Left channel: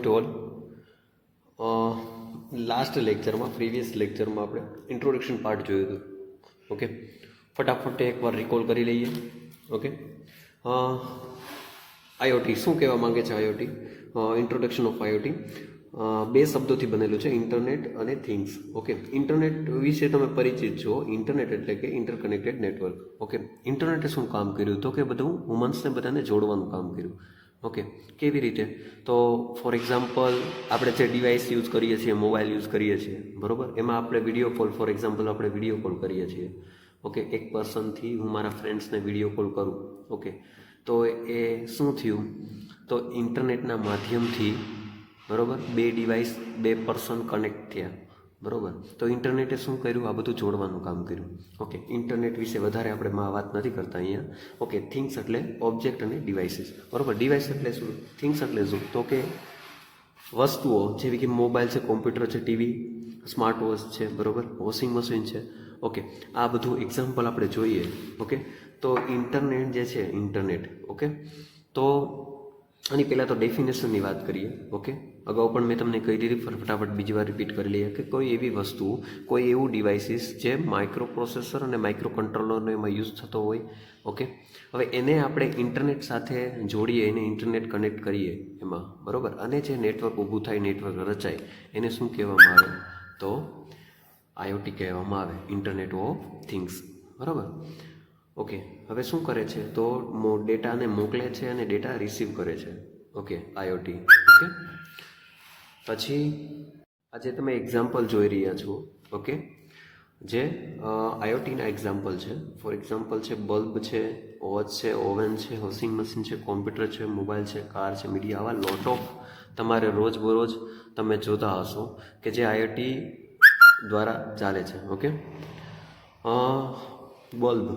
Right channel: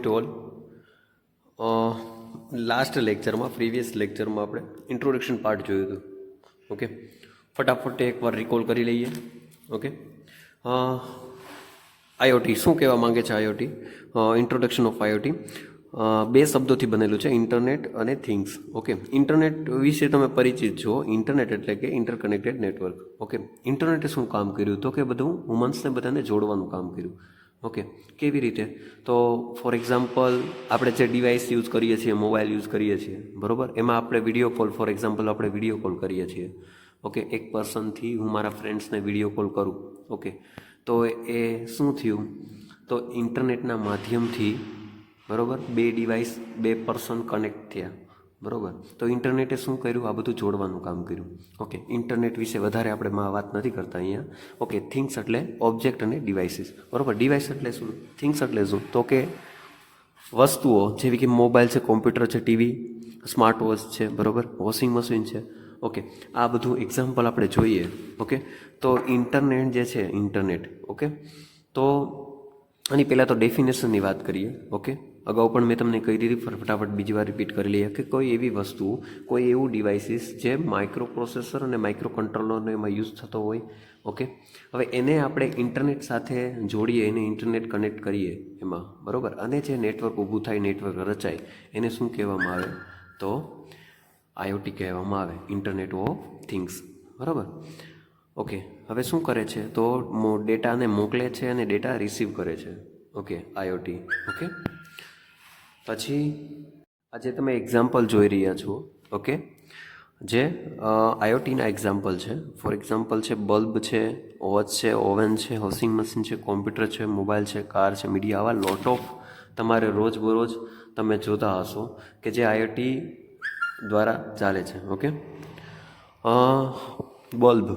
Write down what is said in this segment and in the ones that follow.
Morning to all. Last લેક્ચરમાં previous લેક્ચરમાં આપણે ઇન્ટ્રોડક્શન પાર્ટ જોયું હતું. ઓકે, ફટાફટ એકવાર રિકોલ કરી લઈએ. ઓકે, આઈઓટી શું કહેવા માંગે છે? આઈઓટી, ઇન્ટ્રોડક્શન ઓફ આઈઓટી, બે શબ્દોથી બનેલું છે, ઇન્ટરનેટ અને થિંગ્સ. ઓકે, ઇન્ટરનેટ વિશે તમે પરિચિત છો. ઇન્ટરનેટ એટલે કે ઇન્ટરકનેક્ટેડ નેટવર્ક. ઓકે, ઇન્ટરનેટે શું કામ કર્યું? તો કે બધું હ્યુમન્સને બધાને જોડવાનું કામ કર્યું. ઓકે, કેવી રીતે? તો ફોર એક્ઝામ્પલ આપણે જે ડિવાઇસ યુઝ કરીએ છીએ, મોબાઈલ યુઝ કરીએ છીએ, બરાબર, એમાં આપણે વિડીયો કોલ, ફોર એક્ઝામ્પલ આપણે વિડીયો કોલ કરીએ છીએ. ઓકે, એક પર્સનથી હું મારા ફ્રેન્ડ્સને વિડીયો કોલ કરું. ઓકે, તો એ શું થયું? તો ઇન્ટરનેટના માધ્યમથી, બરાબર, બે ડિવાઇસ, બે પર્સન કનેક્ટ થયા. બરાબર, તો ઇન્ટરનેટે શું કર્યું? આ બધું જોડવાનું કામ કર્યું. ઓકે, ઇન્ટરનેટ વિશે વધારે આપણે વાત નથી કરતા અહીંયા. ઓકે, થિંગ્સ એટલે ઓબ્જેક્ટ અને ડિવાઇસીસ. બરાબર, ડિવાઇસ એટલે શું? થિંગ્સ એટલે શું? તો કે વસ્તુઓ જેવી કે મોબાઈલ છે, કોમ્પ્યુટર છે, ટીવી, સ્માર્ટ વોચ છે, બરાબર, વોશિંગ મશીન છે. ઓકે, આ બધું એક્ઝામ્પલ આપણે જોઈએ. ઓકે, તો ઇન્ટરનેટ જે છે, ઇન્ટરનેટ, ઓકે, તો આની પહેલાં તો ડેફિનેશનની વાત કરીએ. ઓકે, અગાઉ પણ મેં તમને કહી દીધી, ફટાફટ બીજી વાર રિપીટ કરી લઈએ કે કોઈ એવી વસ્તુ, કોઈ એવું ડિવાઇસીસ જે માઇક્રો પ્રોસેસર અને માઇક્રો કંટ્રોલરનો એમાં યુઝ થતો હોય. ઓકે, હવે એને આપણે ઇન્ટરનેટ સાથે જોડીએ, એને ઇન્ટરનેટ કનેક્ટ કરીએ એમાં, બરાબર, અને જે નેટવર્ક ઊભું થાય, નેટવર્ક રચાય, એને શું કહેવામાં આવે? તો આઈઓટી કહેવામાં આવે, ઇન્ટરનેટ ઓફ થિંગ્સ. બરાબર. ઓકે, હવે શું કરે છે? તો ડેટાને મોકલે છે અને ડેટા રિસીવ કરે છે. Okay, IoT. ઓકે, પછી આજે તમે એક્ઝામ્પલ જોઈ રહ્યા છો. ઓકે, જે આઈઓટીના એક્ઝામ્પલ છે. ફોર એક્ઝામ્પલ છે બલ્બ છે, વોચ છે, ઓવન છે, વોશિંગ મશીન છે, કોમ્પ્યુટર છે, મોબાઈલ છે, કાર છે, મીડિયા. આવા લોટ ઓફ તમારે રોજબરોજ તમે જોતા હશો કે જે આઈઓટી દ્વારા ચાલે છે. Okay, bulb.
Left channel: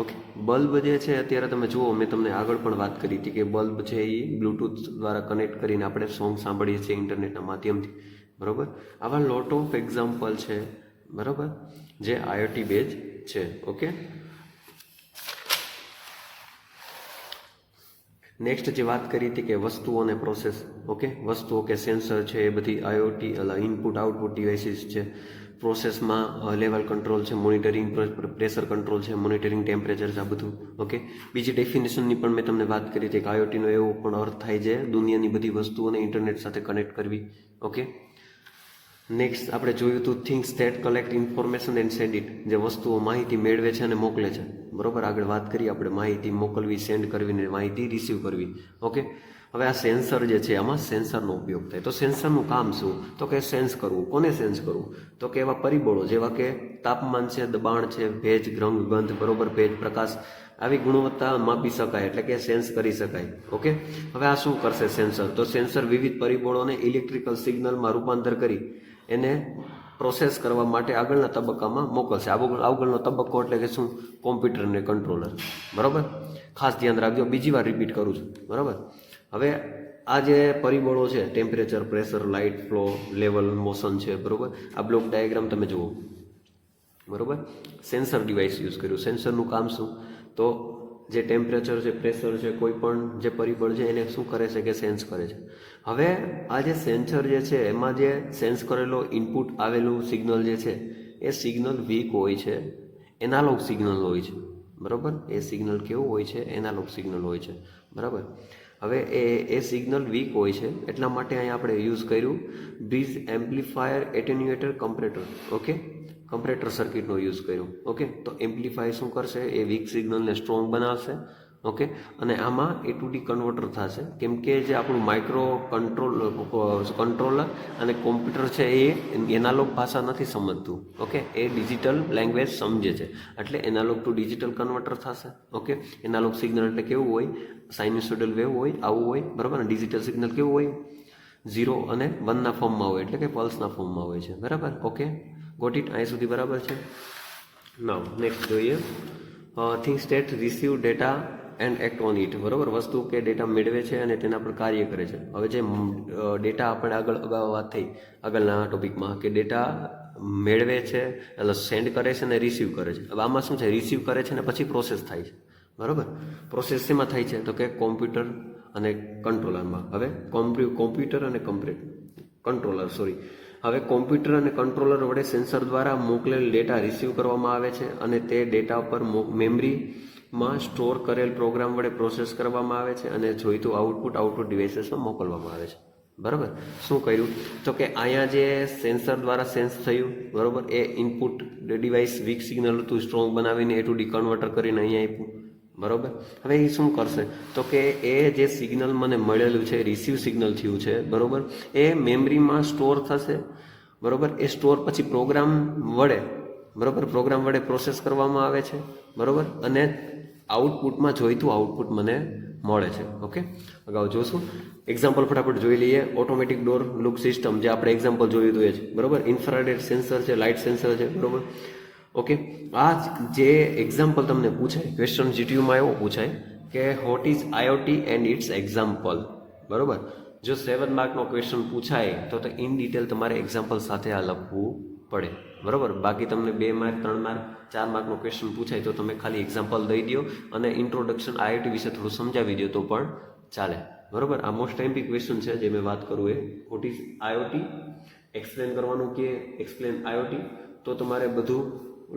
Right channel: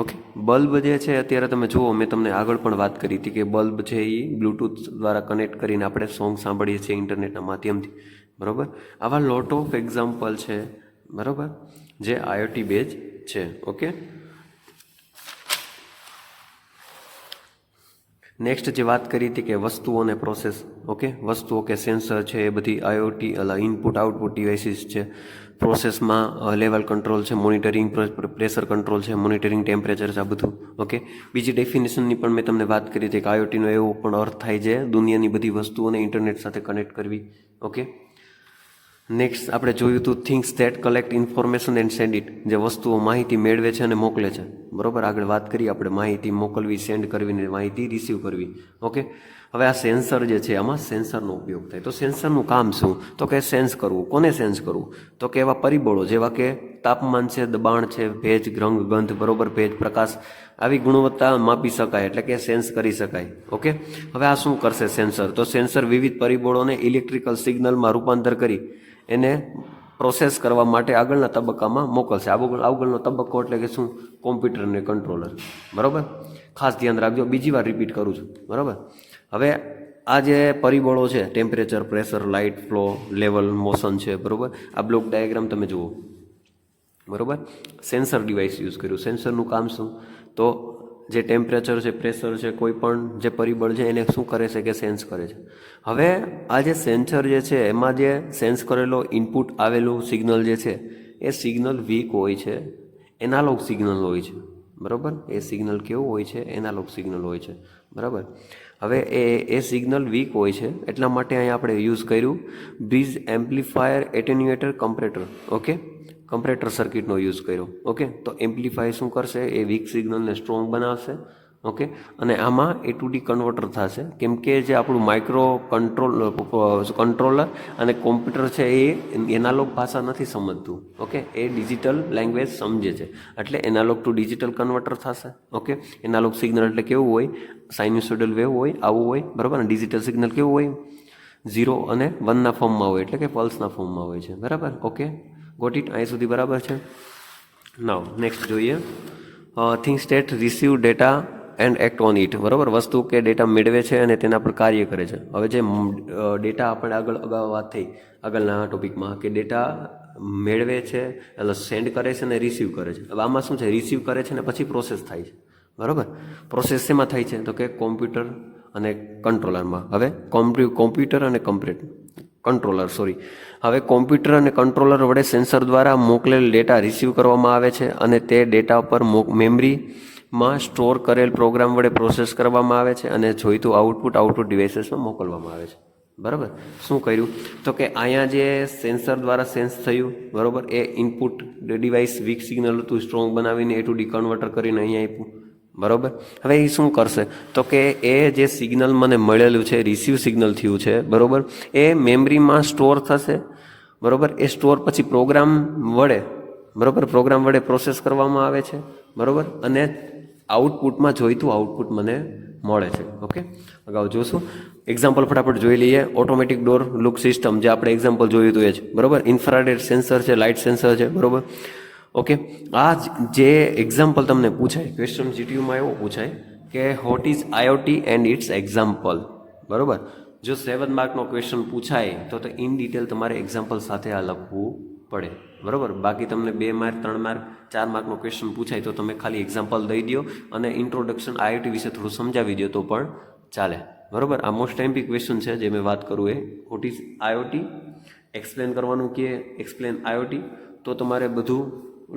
ઓકે, બલ્બ જે છે અત્યારે તમે જુઓ, મેં તમને આગળ પણ વાત કરી હતી કે બલ્બ છે એ બ્લૂટૂથ દ્વારા કનેક્ટ કરીને આપણે સોંગ સાંભળીએ છીએ ઇન્ટરનેટના માધ્યમથી. બરાબર, આવા લોટ ઓફ એક્ઝામ્પલ છે, બરાબર, જે આઈઓટી બેઝ છે. ઓકે, નેક્સ્ટ જે વાત કરી હતી કે વસ્તુઓ અને પ્રોસેસ. ઓકે, વસ્તુઓ કે સેન્સર છે એ બધી આઈઓટી ઇનપુટ આઉટપુટ ડિવાઇસીસ છે. પ્રોસેસમાં લેવલ કંટ્રોલ છે, મોનિટરિંગ પ્રેશર કંટ્રોલ છે, મોનિટરિંગ ટેમ્પરેચર છે, આ બધું. ઓકે, બીજી ડેફિનેશનની પણ મેં તમને વાત કરી હતી કે આઈઓટીનો એવો પણ અર્થ થાય છે દુનિયાની બધી વસ્તુઓને ઇન્ટરનેટ સાથે કનેક્ટ કરવી. ઓકે, નેક્સ્ટ આપણે જોયું હતું things that collect information and send it, જે વસ્તુઓ માહિતી મેળવે છે અને મોકલે છે. બરાબર, આગળ વાત કરી આપણે માહિતી મોકલવી, સેન્ડ કરવી ને માહિતી રિસીવ કરવી. ઓકે, હવે આ સેન્સર જે છે, આમાં સેન્સરનો ઉપયોગ થાય. તો સેન્સરનું કામ શું? તો કે સેન્સ કરવું. કોને સેન્સ કરવું? તો કે એવા પરિબળો જેવા કે તાપમાન છે, દબાણ છે, ભેજ, રંગ, ગંધ, બરોબર, ભેજ, પ્રકાશ, આવી ગુણવત્તા માપી શકાય, એટલે કે સેન્સ કરી શકાય. ઓકે, હવે આ શું કરશે સેન્સર? તો સેન્સર વિવિધ પરિબળોને ઇલેક્ટ્રિકલ સિગ્નલમાં રૂપાંતર કરી એને પ્રોસેસ કરવા માટે આગળના તબક્કામાં મોકલશે. આગળનો તબક્કો એટલે કે શું? કોમ્પ્યુટર અને કંટ્રોલર. બરાબર, ખાસ ધ્યાન રાખજો, બીજી વાર રિપીટ કરું છું. બરાબર, હવે આ જે પરિબળો છે, temperature, pressure, light, flow, level, motion છે, બરાબર, આ બ્લોક ડાયાગ્રામ તમે જુઓ. બરાબર, સેન્સર ડિવાઇસ યુઝ કર્યું. સેન્સરનું કામ શું? તો જે ટેમ્પરેચર છે, પ્રેશર છે, કોઈ પણ જે પરિબળ છે એને શું કરે છે કે સેન્સ કરે છે. હવે આ જે સેન્સર જે છે એમાં જે સેન્સ કરેલો ઇનપુટ આવેલું સિગ્નલ જે છે એ સિગ્નલ વીક હોય છે, એનાલોગ સિગ્નલ હોય છે. બરાબર, એ સિગ્નલ કેવું હોય છે? એનાલોગ સિગ્નલ હોય છે. બરાબર, હવે એ સિગ્નલ વીક હોય છે, એટલા માટે અહીંયા આપણે યુઝ કર્યું bridge amplifier attenuator comparator. Okay, comparator સર્કિટનો યુઝ કર્યો. ઓકે, તો એમ્પ્લીફાય શું કરશે? એ વીક સિગ્નલને સ્ટ્રોંગ બનાવશે. ઓકે, અને આમાં A to D કન્વર્ટર થશે, કેમ કે જે આપણું માઇક્રો કંટ્રોલર અને કોમ્પ્યુટર છે એ એનાલોગ ભાષા નથી સમજતું. ઓકે, એ ડિજિટલ લેંગ્વેજ સમજે છે, એટલે એનાલોગ ટુ ડિજિટલ કન્વર્ટર થશે. ઓકે, એનાલોગ સિગ્નલ એટલે કેવું હોય? સાઇન્યુસોઇડલ વેવ હોય, આવું હોય. બરાબર, અને ડિજિટલ સિગ્નલ કેવું હોય? 0 અને 1ના ફોર્મમાં હોય, એટલે કે પલ્સના ફોર્મમાં હોય છે. બરાબર, ઓકે, ગોટ ઇટ? અહીં સુધી બરાબર છે? નાવ નેક્સ્ટ જોઈએ things that receive data and act on it. બરાબર, વસ્તુ કે ડેટા મેળવે છે અને તેના પર કાર્ય કરે છે. હવે જે ડેટા આપણે અગાઉ વાત થઈ આગળના ટોપિકમાં કે ડેટા મેળવે છે એટલે સેન્ડ કરે છે અને રિસીવ કરે છે. હવે આમાં શું છે? રિસીવ કરે છે અને પછી પ્રોસેસ થાય છે. બરાબર, પ્રોસેસ શેમાં થાય છે? તો કે કોમ્પ્યુટર અને કંટ્રોલરમાં. હવે કોમ્પ્યુટર અને કંટ્રોલર હવે કોમ્પ્યુટર અને કંટ્રોલર વડે સેન્સર દ્વારા મોકલેલ ડેટા રિસીવ કરવામાં આવે છે અને તે ડેટા પર મેમરીમાં સ્ટોર કરેલ પ્રોગ્રામ વડે પ્રોસેસ કરવામાં આવે છે અને જોઈતું આઉટપુટ ડિવાઇસીસમાં મોકલવામાં આવે છે. બરાબર. શું કર્યું તો કે અહીંયા જે સેન્સર દ્વારા સેન્સ થયું, બરાબર, એ ઇનપુટ ડિવાઇસ વીક સિગ્નલ હતું, સ્ટ્રોંગ બનાવીને A to D કન્વર્ટર કરીને અહીંયા આપ્યું. બરાબર. હવે એ શું કરશે તો કે એ જે સિગ્નલ મને મળેલું છે, રિસીવ સિગ્નલ થયું છે, બરાબર, એ મેમરીમાં સ્ટોર થશે. બરાબર. એ સ્ટોર પછી પ્રોગ્રામ વડે પ્રોસેસ કરવામાં આવે છે. બરાબર. અને આઉટપુટમાં જોઈતું આઉટપુટ મને મળે છે. ઓકે, અગાઉ જોશું. એક્ઝામ્પલ ફટાફટ જોઈ લઈએ. ઓટોમેટિક ડોર લુક સિસ્ટમ, જે આપણે એક્ઝામ્પલ જોયું હતું એ જ. બરાબર. ઇન્ફ્રારેડ સેન્સર છે, લાઇટ સેન્સર છે. બરાબર. ઓકે, આ જે એક્ઝામ્પલ તમને પૂછાય, ક્વેશ્ચન જીટીયુમાં એવો પૂછાય કે what is IoT and its example. બરાબર. જો 7 માર્કનો ક્વેશ્ચન પૂછાય તો ઇન ડિટેલ તમારે એક્ઝામ્પલ સાથે આ લખવું પડે. બરાબર. બાકી તમને 2 માર્ક 3 માર્ક 4 માર્કનો ક્વેશ્ચન પૂછાય તો તમે ખાલી એક્ઝામ્પલ દઈ દો અને ઇન્ટ્રોડક્શન આઈઓટી વિશે થોડું સમજાવી દો તો પણ ચાલે. બરાબર. આ મોસ્ટ ટાઈમ બી ક્વેશ્ચન છે જે મેં વાત કરું એ. વોટ ઇઝ આઈઓટી એક્સપ્લેન કરવાનું કે એક્સપ્લેન આઈઓટી, તો તમારે બધું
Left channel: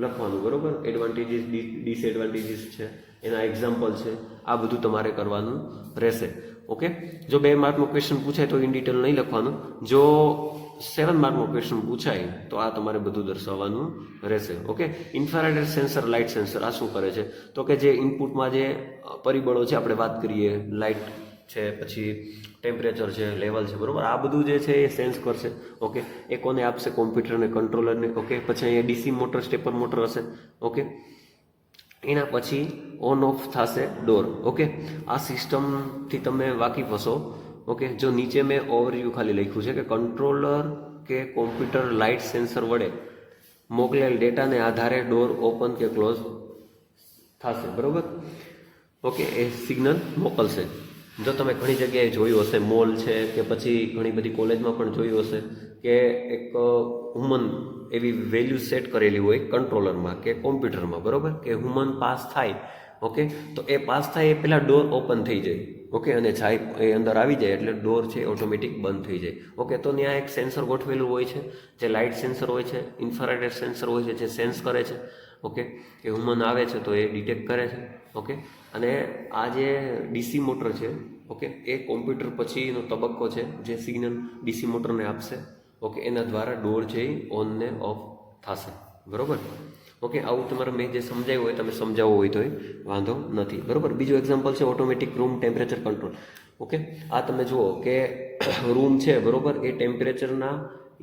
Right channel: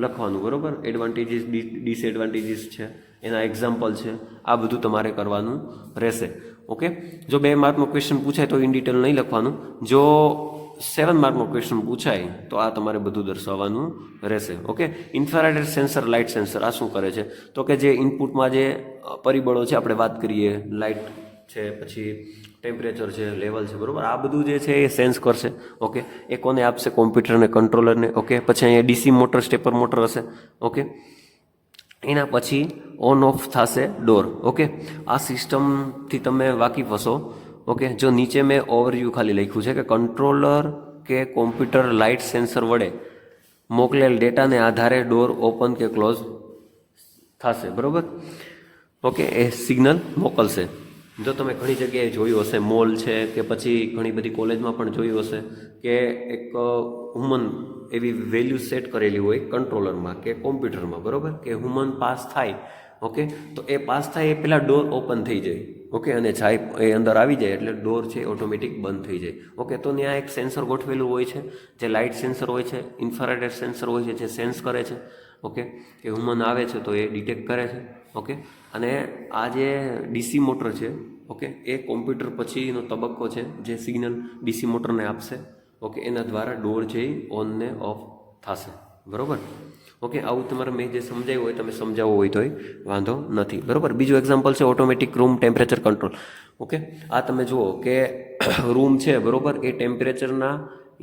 લખવાનું. બરાબર. એડવાન્ટેજીસ ડિસએડવાન્ટેજીસ છે, એના એક્ઝામ્પલ છે, આ બધું તમારે કરવાનું રહેશે. ઓકે, જો 2 માર્કનો ક્વેશ્ચન પૂછાય તો ઇન ડિટેલ નહીં લખવાનું. જો 7 માર્કનો ક્વેશ્ચન પૂછાય તો આ તમારે બધું દર્શાવવાનું રહેશે. Okay, infrared sensor, light sensor આ શું કરે છે તો કે જે ઇનપુટમાં જે પરિબળો છે, આપણે વાત કરીએ, લાઇટ છે, પછી ટેમ્પરેચર છે, લેવલ છે, બરાબર, આ બધું જે છે એ સેન્સ કરશે. ઓકે, એ કોને આપશે? કોમ્પ્યુટર અને કંટ્રોલરને. ઓકે, પછી અહીંયા ડીસી મોટર, સ્ટેપર મોટર હશે. ઓકે, એના પછી ઓન ઓફ થશે ડોર. ઓકે, આ સિસ્ટમથી તમે વાકેફ હશો. ઓકે, જો નીચે મેં ઓવરવ્યૂ ખાલી લખ્યું છે કે કંટ્રોલર કે કોમ્પ્યુટર લાઇટ સેન્સર વડે મોકલેલ ડેટાને આધારે ડોર ઓપન કે ક્લોઝ થશે. બરાબર. ઓકે, એ સિગ્નલ મોકલશે. જો તમે ઘણી જગ્યાએ જોયું હશે, મોલ છે કે પછી ઘણી બધી કોલેજમાં પણ જોયું હશે કે એક હ્યુમન એવી વેલ્યુ સેટ કરેલી હોય કંટ્રોલરમાં કે કોમ્પ્યુટરમાં. બરાબર. કે હ્યુમન પાસ થાય. ઓકે, તો એ પાસ થાય એ પહેલાં ડોર ઓપન થઈ જાય. ઓકે, અને જાય એ અંદર આવી જાય એટલે ડોર છે ઓટોમેટિક બંધ થઈ જાય. ઓકે, તો ત્યાં એક સેન્સર ગોઠવેલું હોય છે, જે લાઇટ સેન્સર હોય છે, ઇન્ફ્રારેડ સેન્સર હોય છે, જે સેન્સ કરે છે. ઓકે, કે હ્યુમન આવે છે તો એ ડિટેક્ટ કરે છે. ઓકે, અને આ જે ડીસી મોટર છે, ઓકે, એ કોમ્પ્યુટર પછીનો તબક્કો છે જે સિગ્નલ ડીસી મોટરને આપશે. ઓકે, એના દ્વારા ડોર છે ઓન ને ઓફ થશે. બરાબર. ઓકે, આવું તમારે મેં જે સમજાવ્યું હોય તમે સમજાવવું હોય તો વાંધો નથી. બરાબર. બીજું એક્ઝામ્પલ છે automatic room temperature control. Okay, આ તમે જુઓ કે રૂમ છે, બરાબર, એ ટેમ્પરેચરના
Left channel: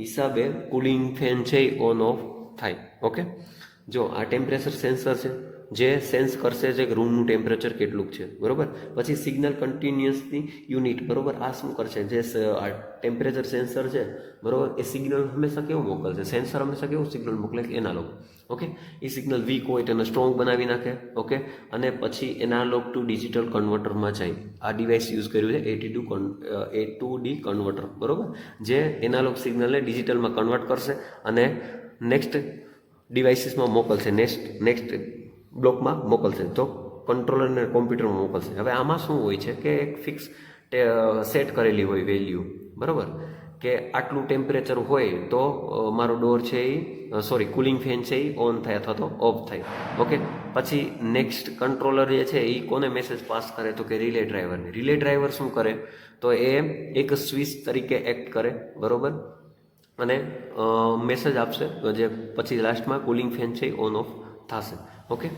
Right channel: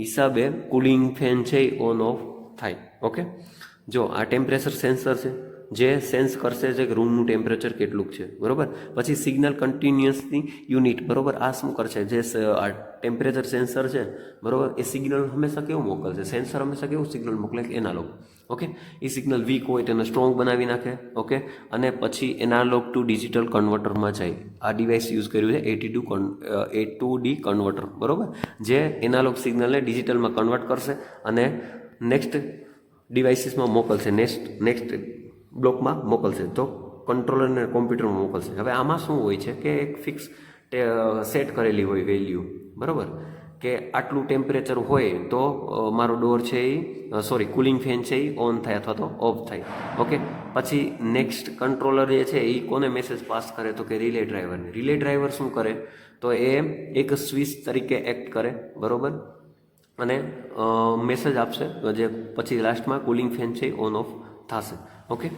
હિસાબે કુલિંગ ફેન છે એ ઓન ઓફ થાય. ઓકે, જો આ ટેમ્પરેચર સેન્સર છે જે સેન્સ કરશે છે કે રૂમનું ટેમ્પરેચર કેટલું છે. બરાબર. પછી સિગ્નલ કન્ટિન્યુઅસની યુનિટ. બરાબર. આ શું કરશે? જે આ ટેમ્પરેચર સેન્સર છે, બરાબર, એ સિગ્નલ હંમેશા કેવું મોકલશે? સેન્સર હંમેશા કેવું સિગ્નલ મોકલે? એનાલોગ. ઓકે, એ સિગ્નલ વીક હોય તેને સ્ટ્રોંગ બનાવી નાખે. ઓકે, અને પછી એનાલોગ ટુ ડિજિટલ કન્વર્ટરમાં જાય. આ ડિવાઇસ યુઝ કર્યું છે A to D કન્વર્ટર. બરાબર, જે એનાલોગ સિગ્નલને ડિજિટલમાં કન્વર્ટ કરશે અને નેક્સ્ટ ડિવાઇસીસમાં મોકલશે, નેક્સ્ટ બ્લોકમાં મોકલશે, તો કંટ્રોલર અને કોમ્પ્યુટરમાં મોકલશે. હવે આમાં શું હોય છે કે એક ફિક્સ સેટ કરેલી હોય વેલ્યુ. બરાબર, કે આટલું ટેમ્પરેચર હોય તો મારો ડોર છે એ કુલિંગ ફેન છે એ ઓન થાય અથવા તો ઓફ થાય. ઓકે, પછી નેક્સ્ટ કંટ્રોલર જે છે એ કોને મેસેજ પાસ કરે તો કે રિલે ડ્રાઈવરને. રિલે ડ્રાઈવર શું કરે તો એ એક સ્વિચ તરીકે એક્ટ કરે. બરાબર, અને મેસેજ આપશે જે પછી લાસ્ટમાં કુલિંગ ફેન છે ઓન ઓફ થશે. ઓકે,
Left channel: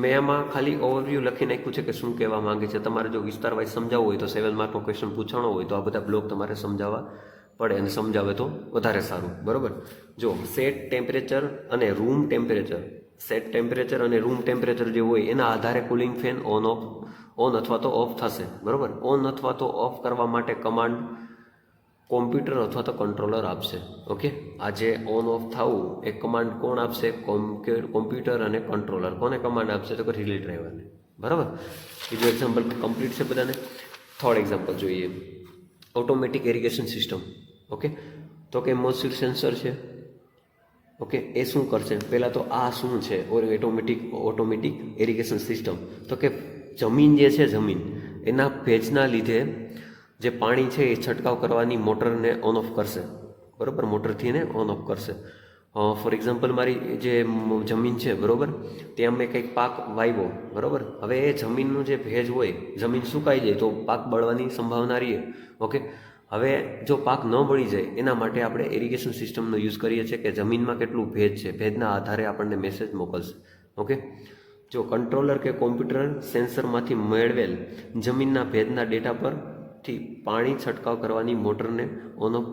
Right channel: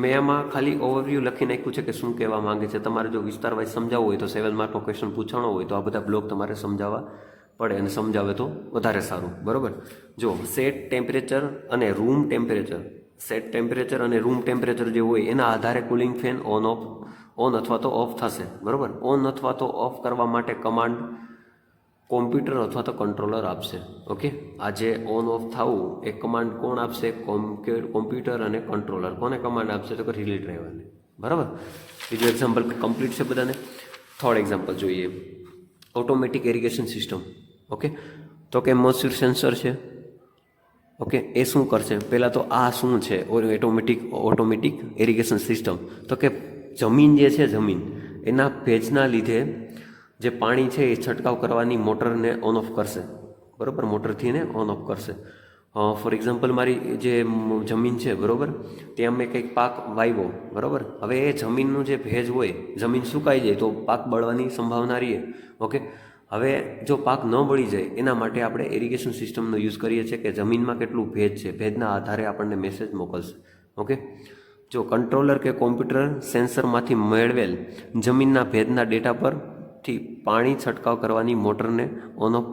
મેં આમાં ખાલી ઓવરવ્યૂ લખી નાખ્યું છે કે શું કહેવા માંગે છે. તમારે જો વિસ્તાર વાઇઝ સમજાવવું હોય તો 7 માર્કનો ક્વેશ્ચન પૂછાણો હોય તો આ બધા બ્લોક તમારે સમજાવવા પડે અને સમજાવે તો વધારે સારું. બરાબર. જો સેટ ટેમ્પરેચર અને રૂમ ટેમ્પરેચર, સેટ ટેમ્પરેચર અને રૂમ ટેમ્પરેચર જે હોય એના આધારે કુલિંગ ફેન ઓન અથવા તો ઓફ થશે. બરાબર. ઓન અથવા તો ઓફ કરવા માટે કમાન્ડ કોમ્પ્યુટર અથવા તો કંટ્રોલર આપશે. ઓકે, આ જે ઓન ઓફ થવું એ કમાન્ડ કોણ આપશે? કોમ્પ્યુટર અને કંટ્રોલર. કોને કમાન્ડ આપશે તો કે રિલે ડ્રાઈવરને. બરાબર. બીજું એક્ઝામ્પલ કમ્પ્લીટ છે બધાને. થર્ડ એક્ઝામ્પલ જોઈએ, ઓટોમેટિક ઇરિગેશન સિસ્ટમ. ઓકે, તો કે મોઇસ્ચર સેન્સર છે. ઓકે, એ શું કરશે? પહેલાં તો આ શું છે? Automatic irrigation system. તો કે જમીન જે છે, એના ભેજના લીધે જે પાણી છે એ છંટકાવ કરવાની મોટરને ઓન ઓફ કરશે, બરાબર, મોટરથી એને ઓન ઓફ કરશે. ફોર એક્ઝામ્પલ મારી જે જમીન છે, બરાબર, ત્યાં મેં કંઈક પાક વાવ્યો, બરાબર. હવે એ જમીનનું જે ભેજ હોય, જમીન સુકાઈ જાય તો પાક બળવાની સંભાવના રહે. ઓકે, હવે જો પાક ન બળી જાય એના માટે આપણે ઇરિગેશન સિસ્ટમનો યુઝ કરીએ છીએ કે જમીનમાં કેટલું ભેજ છે, ભેજના આધારે આપણને મેસેજ મોકલશે. ઓકે, જો કંટ્રોલર કે કોમ્પ્યુટર સેન્સરમાંથી મેળવેલ જમીનના ભેજના ડેટા પરથી પાણી છંટકાવ કરવાની મોટરને ઓન ઓફ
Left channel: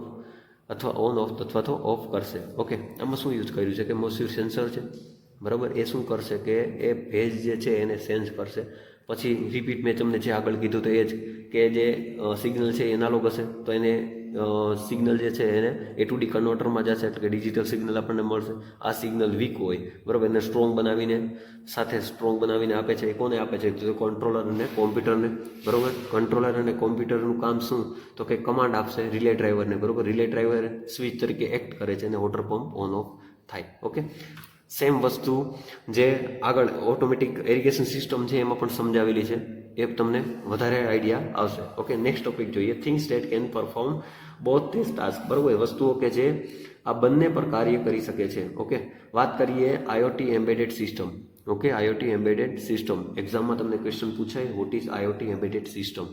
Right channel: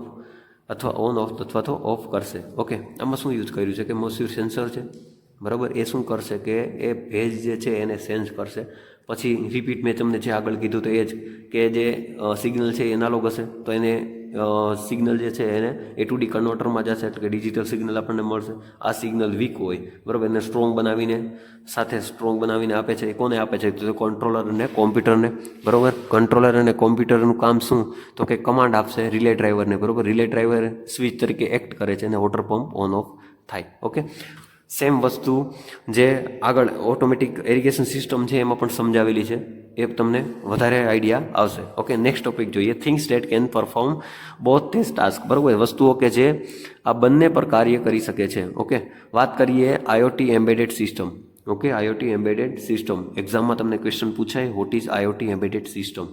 અથવા ઓન ઓફ અથવા તો ઓફ કરશે. ઓકે, આમાં શું યુઝ કર્યું છે કે મોસ્યુર સેન્સર છે, બરાબર. એ શું કરશે કે એ ભેજ જે છે એને સેન્સ કરશે. પછી રિપીટ મેં તમને જે આગળ કીધું તો એ જ કે જે સિગ્નલ છે એ એનાલોગ હશે તો એને સિગ્નલ જે છે એને A to D કન્વર્ટરમાં જશે, એટલે કે ડિજિટલ સિગ્નલ આપણને મળશે. આ સિગ્નલ વીક હોય, બરાબર, એને સ્ટ્રોંગ બનાવીને આપે છે. એ કોને આપે છે? તો કંટ્રોલર અને કોમ્પ્યુટરને, બરાબર. કંટ્રોલર અને કોમ્પ્યુટરનું કામ શું? તો કે કમાન્ડ આપશે રિલે ડ્રાઈવરને, બરાબર. રિલે ડ્રાઈવર સ્વિચ તરીકે એક્ટ કરે છે અને વોટર પંપ ઓન ઓફ થાય. ઓકે, સેમ વસ્તુ જે આગળ ઓટોમેટિક ઇરિગેશન સિસ્ટમ છે એમાં પણ સમજાવેલી છે, એ તમને વધારે આઈડિયા આવશે. ઓકે, નેક્સ્ટ ટોપિક જોઈએ, things that can perform both this task, બરાબર. વસ્તુઓ કે જે આ બંને પર કાર્ય કરી શકે છે. ઓકે, વાત કરીએ IoT embedded system. Okay, IoT embedded system એક્ઝામમાં તમને ક્વેશ્ચન પૂછાય, what is IoT embedded system,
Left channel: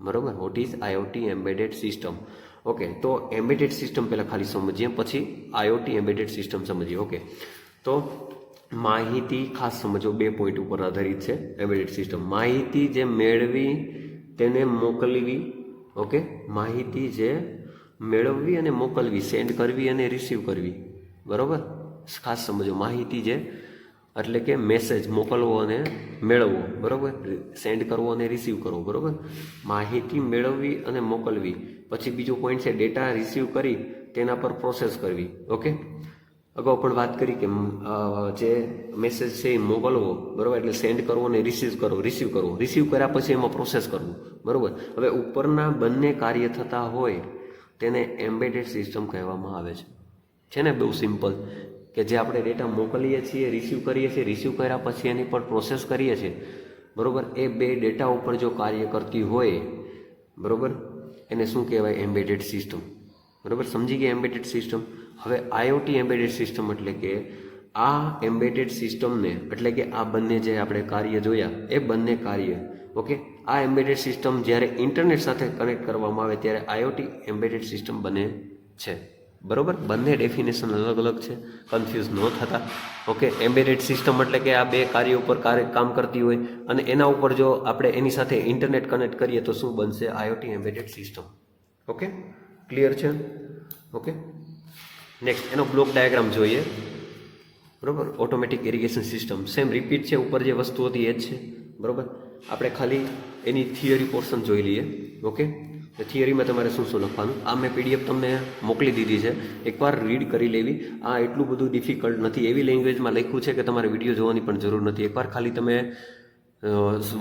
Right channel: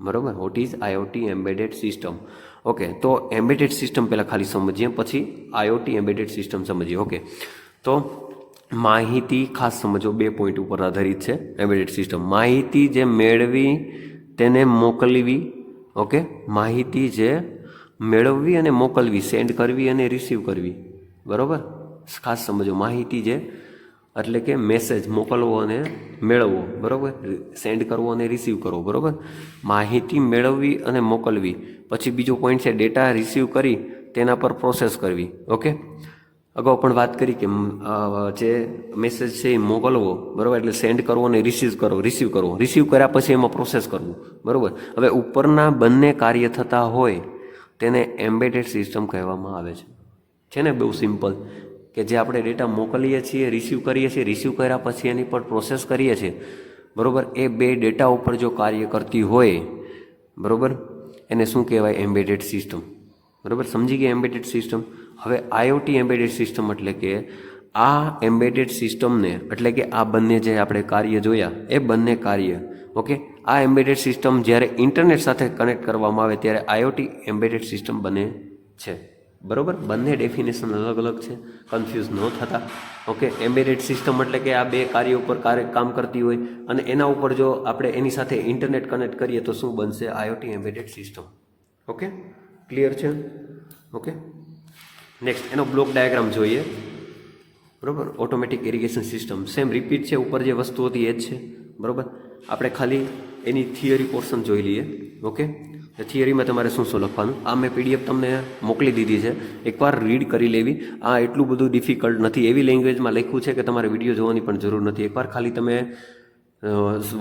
બરાબર. What is IoT embedded system. Okay, તો એમ્બેડેડ સિસ્ટમ પહેલાં ખાલી સમજીએ, પછી IoT એમ્બેડેડ સિસ્ટમ સમજીએ. ઓકે, તો માહિતી ખાસ સમજો, 2 પોઈન્ટ ઉપર આધારિત છે એમ્બેડેડ સિસ્ટમ. માહિતી જે મેળવી તેને મોકલવી. ઓકે, માહિતી જે મેળવવી અને મોકલવી, સેન્ડ કરવી અને રિસીવ કરવી, બરાબર. ખાસ સમજો, માહિતી જે એટલે કે મેસેજ મોકલવો અને મેળવવો, બરાબર, સેન્ડ કરવો અને રિસીવ કરવો, બરાબર. માહિતી મેળવવી અને મોકલવી. પછી બીજો પોઈન્ટ છે ડેટા રિસીવ કરી તેના પર પ્રોસેસ કરવી. ઓકે, અગાઉ પણ વાત કરી કે જે મેસેજ છે એ મોકલવો, બરાબર, એટલે સેન્ડ કરવો અને રિસીવ કર્યા પછી એમાં પ્રોસેસ કરવું, બરાબર. હવે ઉપરના બંને કાર્ય થતા હોય તેને એમ્બેડેડ સિસ્ટમ કહેવામાં આવે છે ને. બહુ સિમ્પલ, કે જે આપણે ડેટા મોકલીએ છીએ, રિસીવ કરીએ છીએ, રિસીવ કર્યા પછી એની પર પ્રોસેસ કરીએ છીએ, બરાબર. એ બે ડેટા ઉપર જો કાર્ય કરતી હોય, બરાબર, એને શું કહેવાય? એમ્બેડેડ સિસ્ટમ, બરાબર. સમજી ગયા એમ્બેડેડ સિસ્ટમ. હવે IoT એમ્બેડેડ સિસ્ટમ એટલે કે આ એમ્બેડેડ સિસ્ટમને, એટલે કે આ બંને જે આપણે કાર્ય જોયા એ બંને કાર્ય, ઓકે, આ એમ્બેડેડ સિસ્ટમ જ્યારે ઇન્ટરનેટ સાથે કનેક્ટ કરવામાં આવે ત્યારે IoT એમ્બેડેડ સિસ્ટમ બને છે, બરાબર. બંને ડેફિનેશન અલગ અલગ છે, કન્ફ્યુઝ ન થતા. ઓકે, એમ્બેડેડ સિસ્ટમ એટલે કે આ બે કાર્ય ઉપર કામ કરતી હોય અને એના ઉપર જો આપણે એની સાથે ઇન્ટરનેટ કનેક્ટ કરીએ તો શું બનશે? IoT embedded system. Okay, clear છે? ઓકે, નેક્સ્ટ એનો બ્લોક ડાયાગ્રામ જોઈએ, બરાબર. Automatic irrigation system same repeat છે, ઉપર જે વસ્તુ હતી એ જ છે, બરાબર. આપણે ખાલી એની થિયરી પોર્શન જોઈ લઈએ. ઓકે, થિયરીમાં તમારે શું શું લખવાનું, આ મેં PDF તમને મોકલી દીધી છે, એકવાર રીડ કરી લેવી. આ એટલું બધું ડિફિકલ્ટ નથી, એવી લેંગ્વેજમાં લખ્યું છે કે તમારે વિડીયો જોવાની પણ જરૂર નથી. એકવાર ખાલી તમે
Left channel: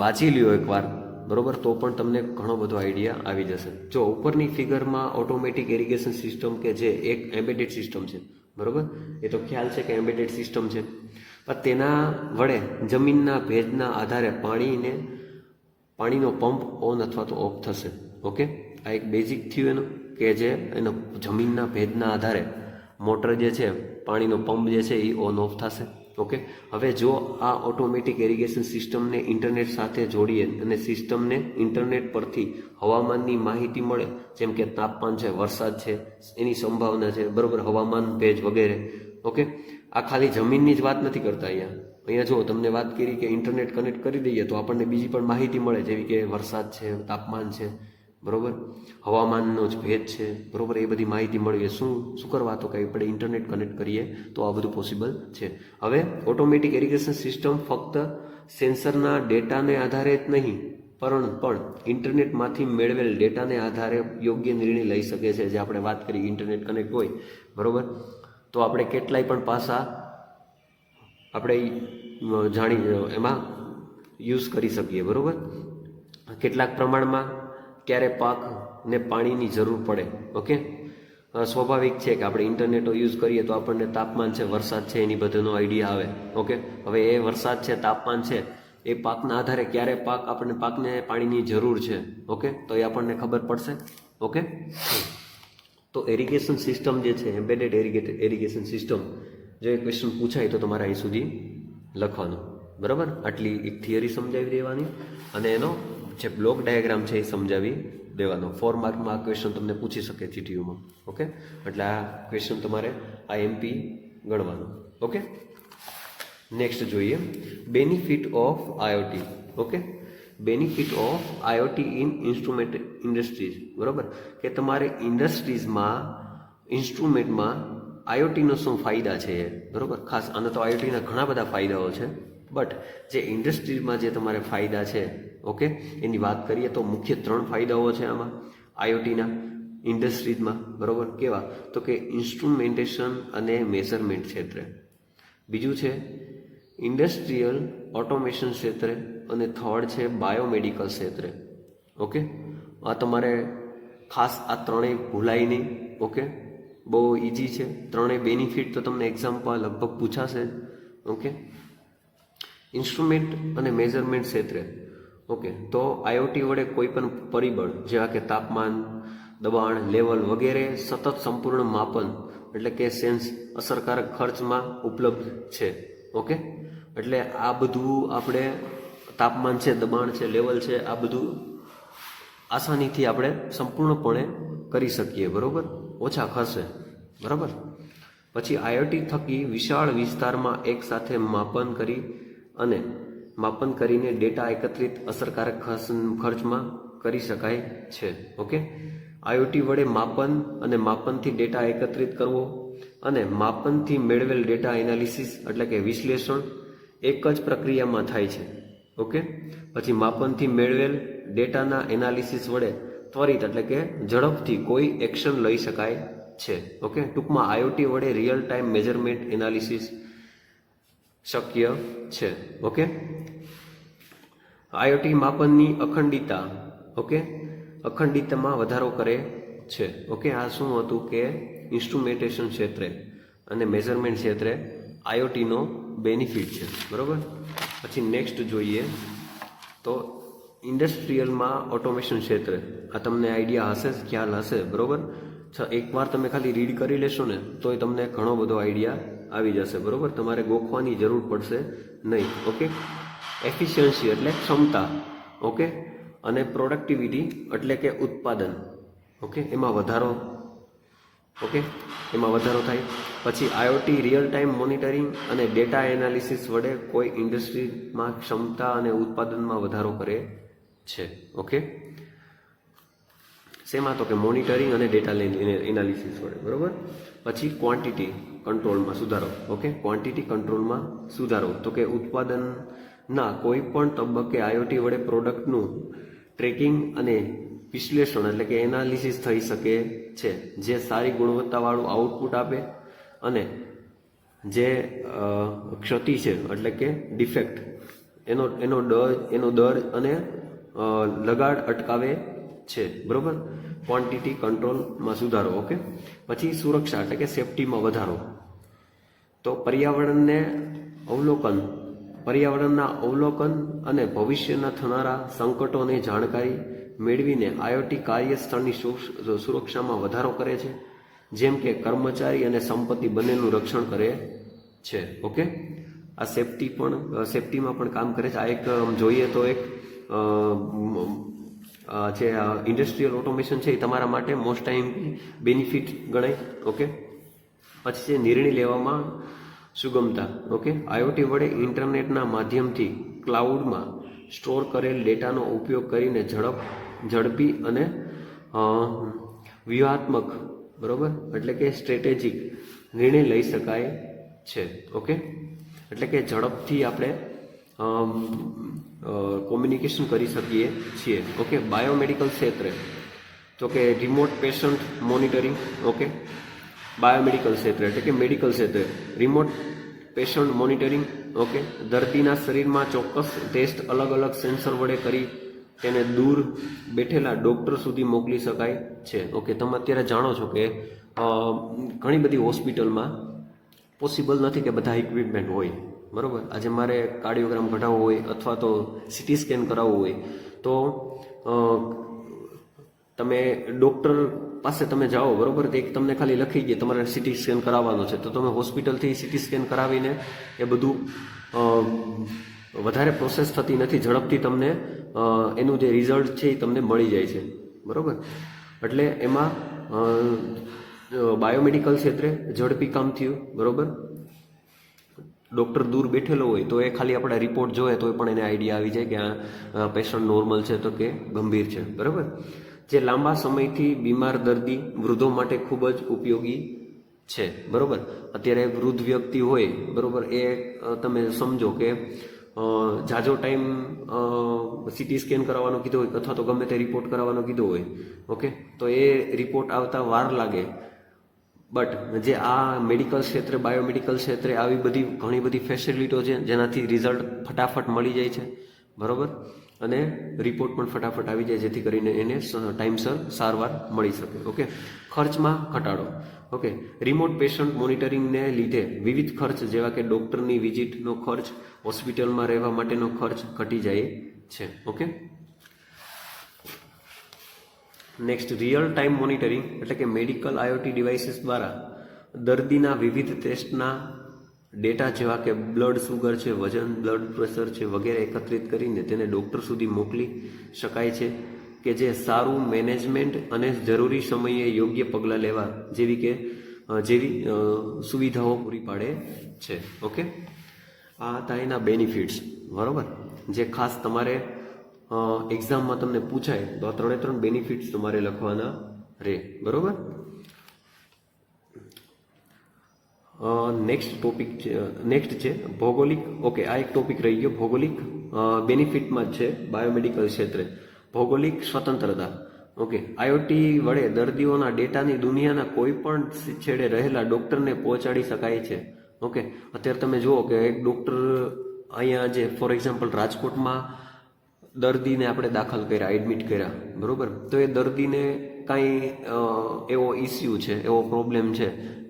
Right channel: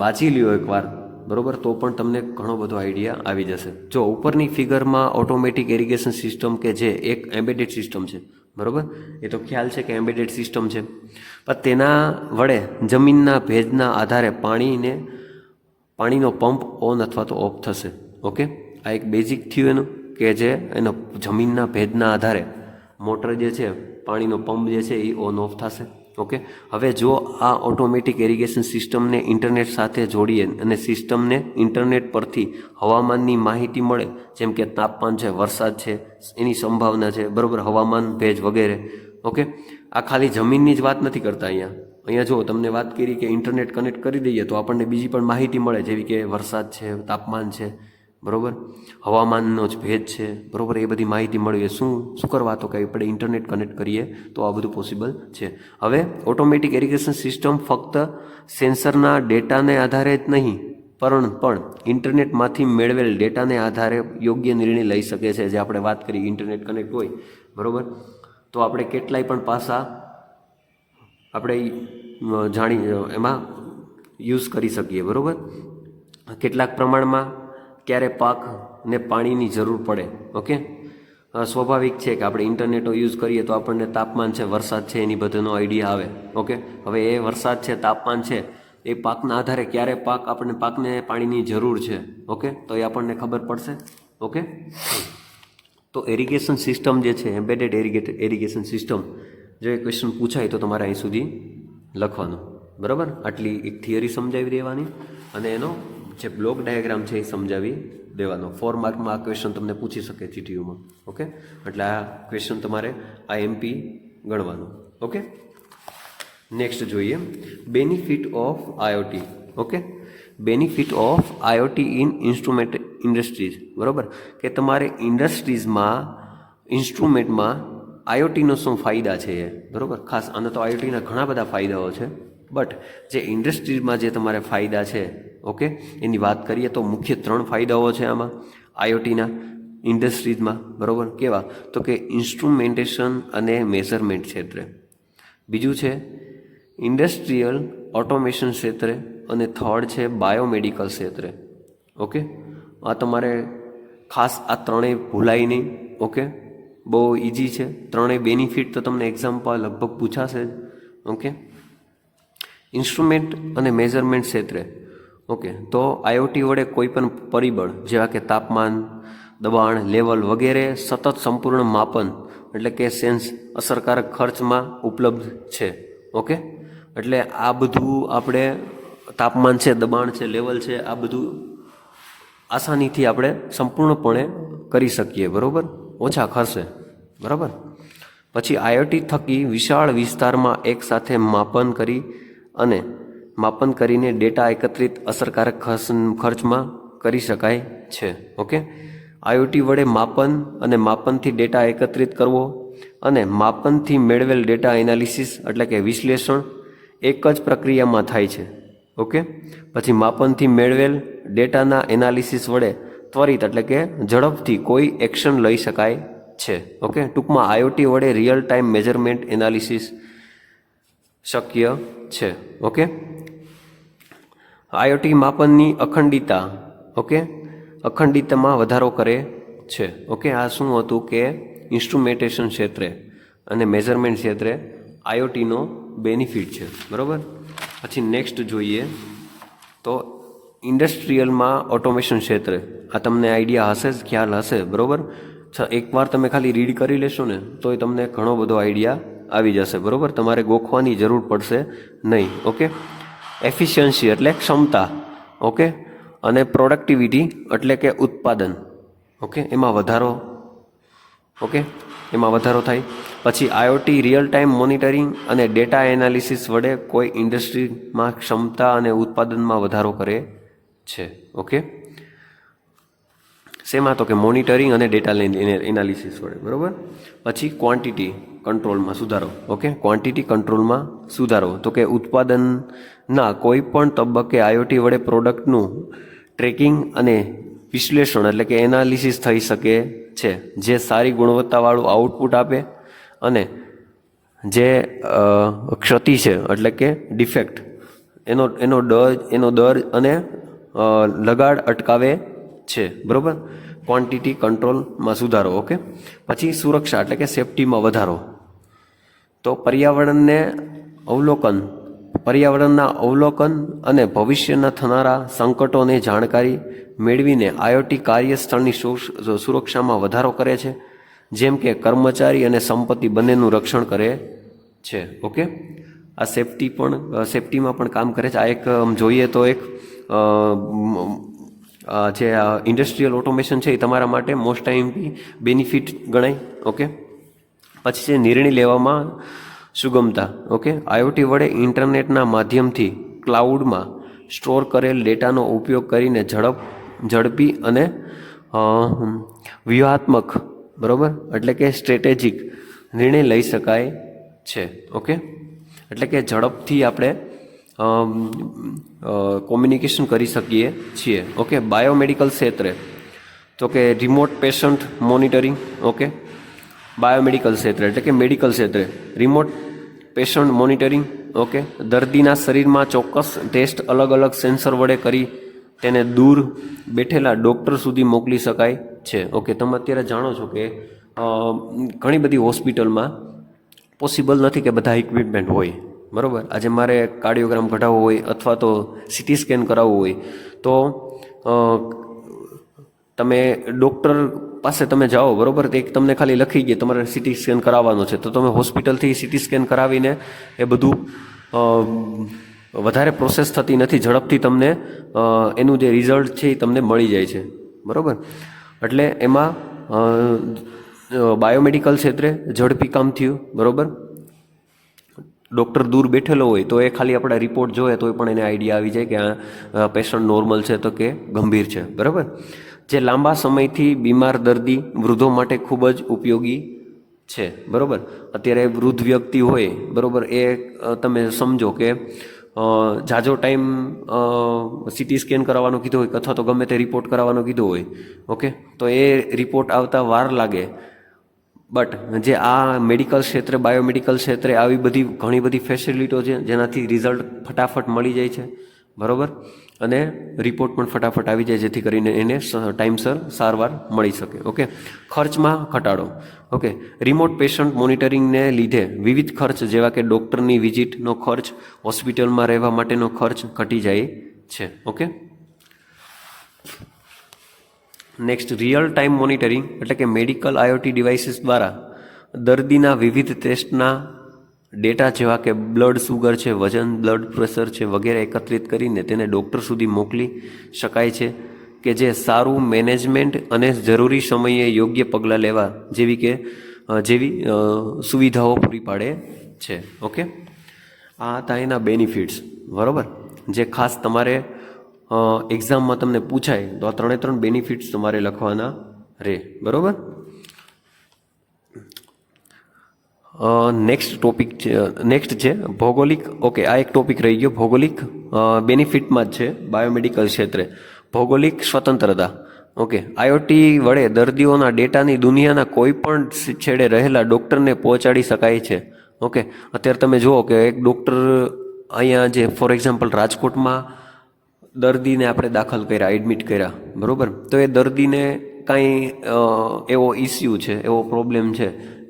વાંચી લ્યો એકવાર, બરાબર, તો પણ તમને ઘણો બધો આઈડિયા આવી જશે. જો ઉપરની ફિગરમાં ઓટોમેટિક ઇરિગેશન સિસ્ટમ કે જે એક એમ્બેડેડ સિસ્ટમ છે, બરાબર, એ તો ખ્યાલ છે કે એમ્બેડેડ સિસ્ટમ છે, પણ તેના વડે જમીનના ભેજના આધારે પાણીનો પંપ ઓન અથવા તો ઓફ થશે. ઓકે, આ એક બેઝિક થયું એનું, કે જે એનો જમીનના ભેજના આધારે મોટર જે છે, પાણીનો પંપ જે છે એ ઓન ઓફ થશે. ઓકે, હવે જો આ ઓટોમેટિક ઇરિગેશન સિસ્ટમને ઇન્ટરનેટ સાથે જોડીએ અને સિસ્ટમને ઇન્ટરનેટ પરથી હવામાનની માહિતી મળે, જેમ કે તાપમાન છે, વરસાદ છે, એની સંભાવના છે, બરાબર, હવામાન, ભેજ વગેરે. ઓકે, આ ખાલી જમીનની જ વાત નથી કરતા. અહીંયા જો તમને વાત કરી કે ઇન્ટરનેટ કનેક્ટ કરી દઈએ તો આપણને બીજી પણ માહિતી મળે, જેવી કે વરસાદ છે, તાપમાન છે, બરાબર, હવામાનનો જ ભેજ છે, બરાબર, એ બધી માહિતી મળે. શું કરવા? તો કે આપણે ઇન્ટરનેટ કનેક્ટ કરીએ તો આ બધું પોસિબલ છે. હવે ઓટોમેટિક ઇરિગેશન સિસ્ટમ ફક્ત સેન્સરના ડેટાને આધારે જ નહીં પણ ઇન્ટરનેટમાંથી મેળવેલ ડેટાને આધારે યોગ્ય નિર્ણય લઈ શકે છે. જે આપણે વાત કરી, ઇન્ટરનેટ કનેક્ટ હોય, બરાબર, તો આપણે કેટલાય પણ પાસા આપણે એમાં યુઝ કરી શકીએ, બરાબર. કેટલાક પ્રમાણમાં ક્યારે પાકને પાણીની જરૂર પડે. ઓકે, સ્વાભાવિક છે કે આપણે ઇન્ટરનેટનો યુઝ કરીએ તો આપણને તાપમાન છે, વરસાદ છે, એની બધાનો આઈડિયા આવે. ઓકે, હવે એ વરસાદ છે, તાપમાન છે, એ પાકના આધારે ક્યારે પાકને પાણીની જરૂર છે, ઓકે, તો એ આપણને ખબર પડશે. ઓકે, તો એરિગેશન સિસ્ટમ જે છે, એમ્બેડેડ એરિગેશન સિસ્ટમ, જો એ ક્વેશ્ચન પૂછાય તો તમારે અહીં સુધી લખવાનું, બરાબર. આટલી એક થિયરી સમજાવી દેવાની અને એનો જે બ્લોક ડાયાગ્રામ છે એ સમજાવી દેવાનો. 4 માર્કમાં આ ક્વેશ્ચન તમને પૂછી શકે જીટીયુમાં. ઓકે, એટલે આ ક્વેશ્ચન તમારે આ એમપી ગણવાનું. ઓકે, નેક્સ્ટ જોઈએ benefit of IoT. Okay, benefit of IoT in instrument industries, બરાબર, કે તમારે ઇન્ડસ્ટ્રીઝમાં ઇન્સ્ટ્રુમેન્ટમાં આઈઓટીનો શું ફાયદા છે એ, બરાબર. ખાસ આનો તો આઈઓટીના ઘણા બધા ફાયદાઓ છે, બટ જે ઇન્ડસ્ટ્રીઝમાં જે તમારે ફાયદા છે, ઓકે, એની વાત કરીએ તો મુખ્ય 3 ફાયદાઓ છે આમાં આઈઓટીના ઇન્ડસ્ટ્રીઝમાં, બરાબર. કેવા? તો કે ઇન્સ્ટ્રુમેન્ટેશન અને મેઝરમેન્ટ ક્ષેત્રે, બીજું છે ઇન્ડસ્ટ્રીયલ ઓટોમેશન ક્ષેત્રે, અને થર્ડ છે બાયોમેડિકલ ક્ષેત્રે. ઓકે, આ તમારે ખાસ આ ત્રણેય ભૂલાય નહીં. ઓકે, બહુ ઇઝી છે ત્રણેય બેનિફિટ, તો તમને એક્ઝામ્પલ લગભગ પૂછાશે જ. ઓકે, ઇન્સ્ટ્રુમેન્ટ અને મેઝરમેન્ટ ક્ષેત્રે, ઓકે, તો આઈઓટી વડે કોઈ પણ પરિબળ જેવા કે તાપમાન, દબાણ, લેવલ વગેરે સતત સંપૂર્ણ માપન એટલે કે સેન્સ અસરકારક ખર્ચમાં ઉપલબ્ધ છે. ઓકે, એટલે આ બધું આપણે તાપમાન છે, દબાણ છે, લેવલ છે, આ બધું આસાનીથી આપણે સંપૂર્ણપણે કરી શકીએ, બરાબર, ઓછા ખર્ચે, બરાબર. પછી આઈઓટી થકી વિશાળ વિસ્તારમાં એકસાથે માપન કરીને ડેટા એકત્રિત અસરકારક ખર્ચમાં કરી શકાય છે. ઓકે, આઈઓટી વડે માપન અને માપનથી ડેટા એકત્રિત કરવો અને માપનથી મેળવેલ ડેટા એનાલિસિસ એટલે કે વિશ્લેષણ એક જ પ્રક્રિયામાં થાય છે. ઓકે, પછી માપનથી મેળવેલ ડેટાના એનાલિસિસ વડે ત્વરિત એટલે કે ઝડપથી કોઈ એક્શન લઈ શકાય છે. ઓકે, ટૂંકમાં આઈઓટી વડે રિયલ ટાઈમ મેઝરમેન્ટ એનાલિસિસ શક્ય છે. ઓકે, આઈઓટી માપનની અખંડિતતા, ઓકે, અખંડિતતામાં વધારો કરે છે. ઓકે, આ શું હતું કે ઇન્સ્ટ્રુમેન્ટેશન ક્ષેત્રે અને મેઝરમેન્ટ ક્ષેત્રે આઈઓટીનો બેનિફિટ છે, બરાબર. પછી નેક્સ્ટ જોઈએ તો ઇન્ડસ્ટ્રીયલમાં ઓટોમેશન ક્ષેત્રે, આ તમને આઈડિયા હશે જ, ખ્યાલ હશે, બરાબર. એકવાર તમે ખાલી રીડ કરી લેશો ને તો એ તમને ઘણો બધો આઈડિયા આવી જશે, બરાબર. તમારે ગોખવાની જરૂર પડશે નહીં. ઓકે, એફિશિયન્સી એટલે ક્ષમતા, ઓકે, અને પ્રોડક્ટિવિટી એટલે કે ઉત્પાદન, ઓકે, એમાં વધારો, ઓકે, એમાં વધારો થાય. પછી આઈઓટી રિયલ ટાઈમ મોનિટરિંગ અને ડેટા એનાલિસિસ વડે કોઈ ઇન્ડસ્ટ્રીમાં ક્ષમતા અને ઉત્પાદનમાં વધારો કરે છે. ઓકે, શેમાં? તો કે મોનિટરિંગ અને ડેટા એનાલિસિસ વડે, બરાબર. પછી ક્વોન્ટિટી કંટ્રોલમાં સુધારો. ઓકે, ક્વોન્ટિટી કંટ્રોલમાં સુધારો, તો કે ઉત્પાદનના કોઈ પણ તબક્કે આઈઓટી વડે પ્રોડક્ટનું ટ્રેકિંગ અને વિશ્લેષણ એટલે કે એનાલિસિસ થઈ શકે છે, જે સારી ગુણવત્તાવાળું આઉટપુટ આપે અને જે ક્ષતિ છે એટલે કે ડિફેક્ટ એનો દર અને લગાડ અટકાવે છે, બરાબર. ક્વોન્ટિટી કંટ્રોલમાં સુધારો. ઓકે, પછી સુરક્ષા એટલે કે સેફટીમાં વધારો, તો પર્યાવરણના અવલોકન અને ભવિષ્યના થનારા સંકટોની જાણકારી મેળવીને આઈઓટી કાર્યસ્થળની સુરક્ષામાં વધારો કરે છે, જેમ કે કર્મચારી અને સંપત્તિ બંનેનું રક્ષણ કરે છે. ઓકે, આ સેફટીમાં પણ કામ કરે છે. આ એક જોઈએ તો એક જે ઇન્ડસ્ટ્રીયલ ઓટોમેશન છે એ તમારા માટે મોસ્ટ ટાઈમ બેનિફિટ ગણાય. ઓકે, પછી છે નિર્ણય લેવામાં સુગમતા. ઓકે, આઈઓટી વડે ઇન્ટરનેટના માધ્યમથી ક્લાઉડમાં સ્ટોર કરેલ ડેટાનો ઉપયોગ કરીને ઝડપી અને વ્યૂહાત્મક, બરાબર, એટલે કે સ્ટ્રેટેજિક નિર્ણય લઈ શકાય છે. ઓકે, એટલે કે ઝડપથી આપણે કોમ્યુનિકેશન કરી શકીએ છીએ. ઓકે, બાયોમેડિકલ ક્ષેત્રે, તો કે remote patient monitoring. Okay, biomedical ક્ષેત્રે એટલે કે મેડિકલ ક્ષેત્રે રિમોટ પેશન્ટ મોનિટરિંગ. ઓકે, દર્દીના શરીરમાં ચોક્કસ ટેસ્ટ અલગ અલગ સેન્સર વડે કરી તેને દૂર બેઠેલા ડૉક્ટર સુધી મોકલી શકાય છે. ઓકે, તમે અત્યારે જાણો છો કે ઘણી બધી હોસ્પિટલમાં પોસિબલ નથી કે બધા ઇક્વિપમેન્ટ હોય, બરાબર. આજે મારે કાર્ડિયોગ્રામ કઢાવવો હોય અથવા તો સિટી સ્કેન કરાવવું હોય તો તમે ડૉક્ટર પાસે તમે જાઓ, બરાબર, તો એક તમને ખાલી લખી ગયા તમારે સિટી સ્કેન કરાવવાનું છે, તો તમે હોસ્પિટલથી સિટી સ્કેન કરાવીને એ બધું વધારે પ્રોસેસ થતી નથી, ઝડપથી તમને એનું જે રિઝલ્ટ છે એ તમને મળી જાય છે, બરાબર. એટલે એમાં બાયોમેડિકલ ક્ષેત્રે ઝડપી કામ થયું, બરાબર. ડૉક્ટર દૂર બેઠેલો હોય તો એ ખાલી આપણા રિપોર્ટ જોઈએ તો પણ એને આઈડિયા આવી જાય કે આ પેશન્ટ નોર્મલ છે તો કે ગંભીર છે, બરાબર. જે લાંબા સમયથી બીમાર દર્દી વૃદ્ધો માટે ખૂબ જ ઉપયોગી છે, બરાબર. અત્યારે વૃદ્ધ વ્યક્તિ હોય, બરાબર, એ તમે સમજો કે જાજો ટાઈમ સિટી સ્કેન કરાવવાનું કીધું હોય અથવા તો ગમે તે રિપોર્ટ કરાવવાનો કીધું હોય, ઓકે, તો એ રિપોર્ટ આવતા વાર લાગે. બટ જે આ મેડિકલ ક્ષેત્રે, બાયોમેડિકલ ક્ષેત્રે આવી બધી ઘણી બધી ફેસિલિટીઓ છે જેનાથી રિઝલ્ટ ફટાફટ મળી જાય છે, બરાબર, અને રિપોર્ટ પણ ફટાફટ આવી જાય જેથી કરીને એને ટાઈમસર સારવાર મળી શકે. ઓકે. ખર્ચમાં ઘટાડો. ઓકે. રિમોટ પેશન્ટ મોનિટરિંગને લીધે વિવિધ ખર્ચ જેવા કે ડૉક્ટરની વિઝિટનો ખર્ચ, હોસ્પિટલમાં રહેવા માટેનો ખર્ચ ઘટી જાય છે. Okay. Next, real time monitoring એટલે કે મેડિકલ IoT ડિવાઇસીસ દ્વારા દર્દીના વિવિધ ટેસ્ટના ડેટા જેવા કે બ્લડ સુગર છે, વજન, બ્લડ પ્રેશર છે વગેરે એકત્રિત કરીને તેને ડૉક્ટર સુધી મોકલી શકાય છે કે જે સારું મેનેજમેન્ટ અને જરૂરી સમયે યોગ્ય પગલાં લેવા જેવી સુવિધાઓ પૂરી પાડે છે. ઓકે. આ હતા એના બેનિફિટ્સ, બરાબર, જે ખાસ તમારે એક્ઝામમાં તમને પૂછાય તો આ 3 બેનિફિટ્સ તમારે લખવાના રહે, બરાબર. નેક્સ્ટ છે ભૌગોલિક. ઓકે, આ એક ટોપિક રહી ગયો. ભૌગોલિક બેનિફિટમાં જ છે બાયોમેડિકલ ક્ષેત્રે ભૌગોલિક સ્વતંત્રતા. ઓકે. IoT વડે દર્દીઓના ડેટાની દુનિયાના કોઈ પણ છેડે રહેલા ડૉક્ટરને પહોંચાડી શકાય છે. ઓકે. અત્યારે તમે જુઓ કે એક ડૉક્ટર અહીંયા જે ફોર એક્ઝામ્પલ રાજકોટમાં દર્દીને આપણે દાખલ કર્યા, એડમિટ કર્યા, બરાબર, તો એ દર્દીને કાંઈ એવો ઇસ્યુ છે, એવો પ્રોબ્લેમ છે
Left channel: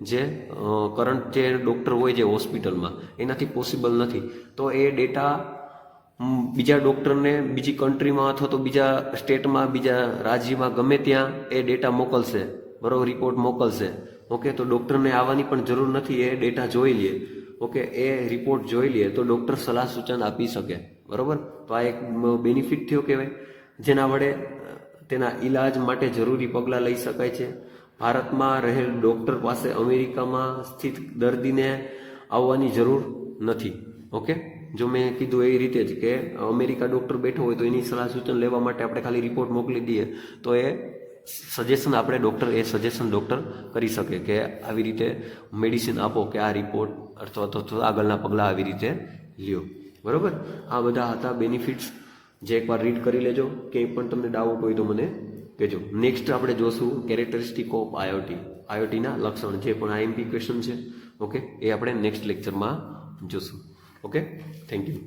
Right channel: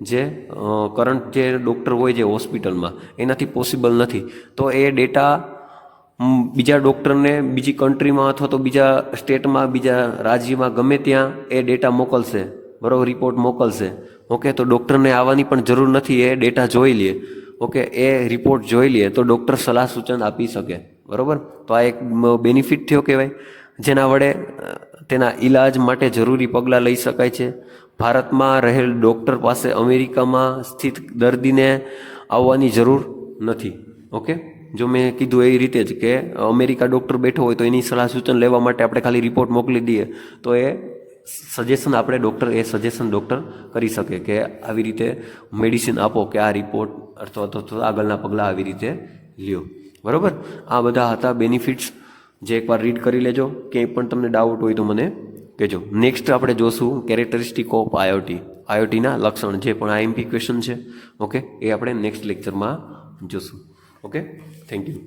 જે કરંટ જે ડૉક્ટર હોય જે હોસ્પિટલમાં એનાથી પોસિબલ નથી, તો એ ડેટા બીજા ડૉક્ટરને બીજી કન્ટ્રીમાં અથવા તો બીજા સ્ટેટમાં, બીજા રાજ્યમાં, ગમે ત્યાં એ ડેટા મોકલશે, બરાબર, રિપોર્ટ મોકલશે. ઓકે. તો ડૉક્ટરને આવવાની પણ જરૂર નથી, એ ડેટા જોઈ લે. ઓકે. એ રિપોર્ટ જોઈ લે તો ડૉક્ટર સલાહ સૂચન આપી શકે, બરાબર. તો આ એક બેનિફિટ થયો કહેવાય, જેના વડે તેના ઈલાજ માટે જરૂરી પગલાં લઈ શકાય છે. ભારતમાં રહેલ ડૉક્ટર પાસે અમેરિકામાં સ્થિત દર્દીને આવવાની જરૂર નથી. ઓકે. જો મેં કીધું એ રીતે જ કે અમેરિકા ડૉક્ટર બેઠો હોય તો એની સલાહ સૂચન લેવા માટે આપણે ખાલી રિપોર્ટ મોકલી દઈએ તો એ સજેશન આપણે ડૉક્ટર કરી શકે કે આવી રીતે મેડિસિન આપો કે આ રિપોર્ટ અથવા તો આગળના પગલાં આવી રીતે લ્યો, બરાબર. આ બધા હતા બેનિફિટ્સ, જે એકવાર રીડ કરી લેજો. ક્યાંય પણ તમને ડાઉટ હોય તો મને કહેજો. નેક્સ્ટ આપણે જોશું કેરેક્ટરિસ્ટિક ઓફ IoTના લક્ષણ, જે પણ IMP ક્વેશ્ચન છે. ઓકે. એ આપણે નેક્સ્ટ લેક્ચરમાં જોશું. ઓકે. Thank you.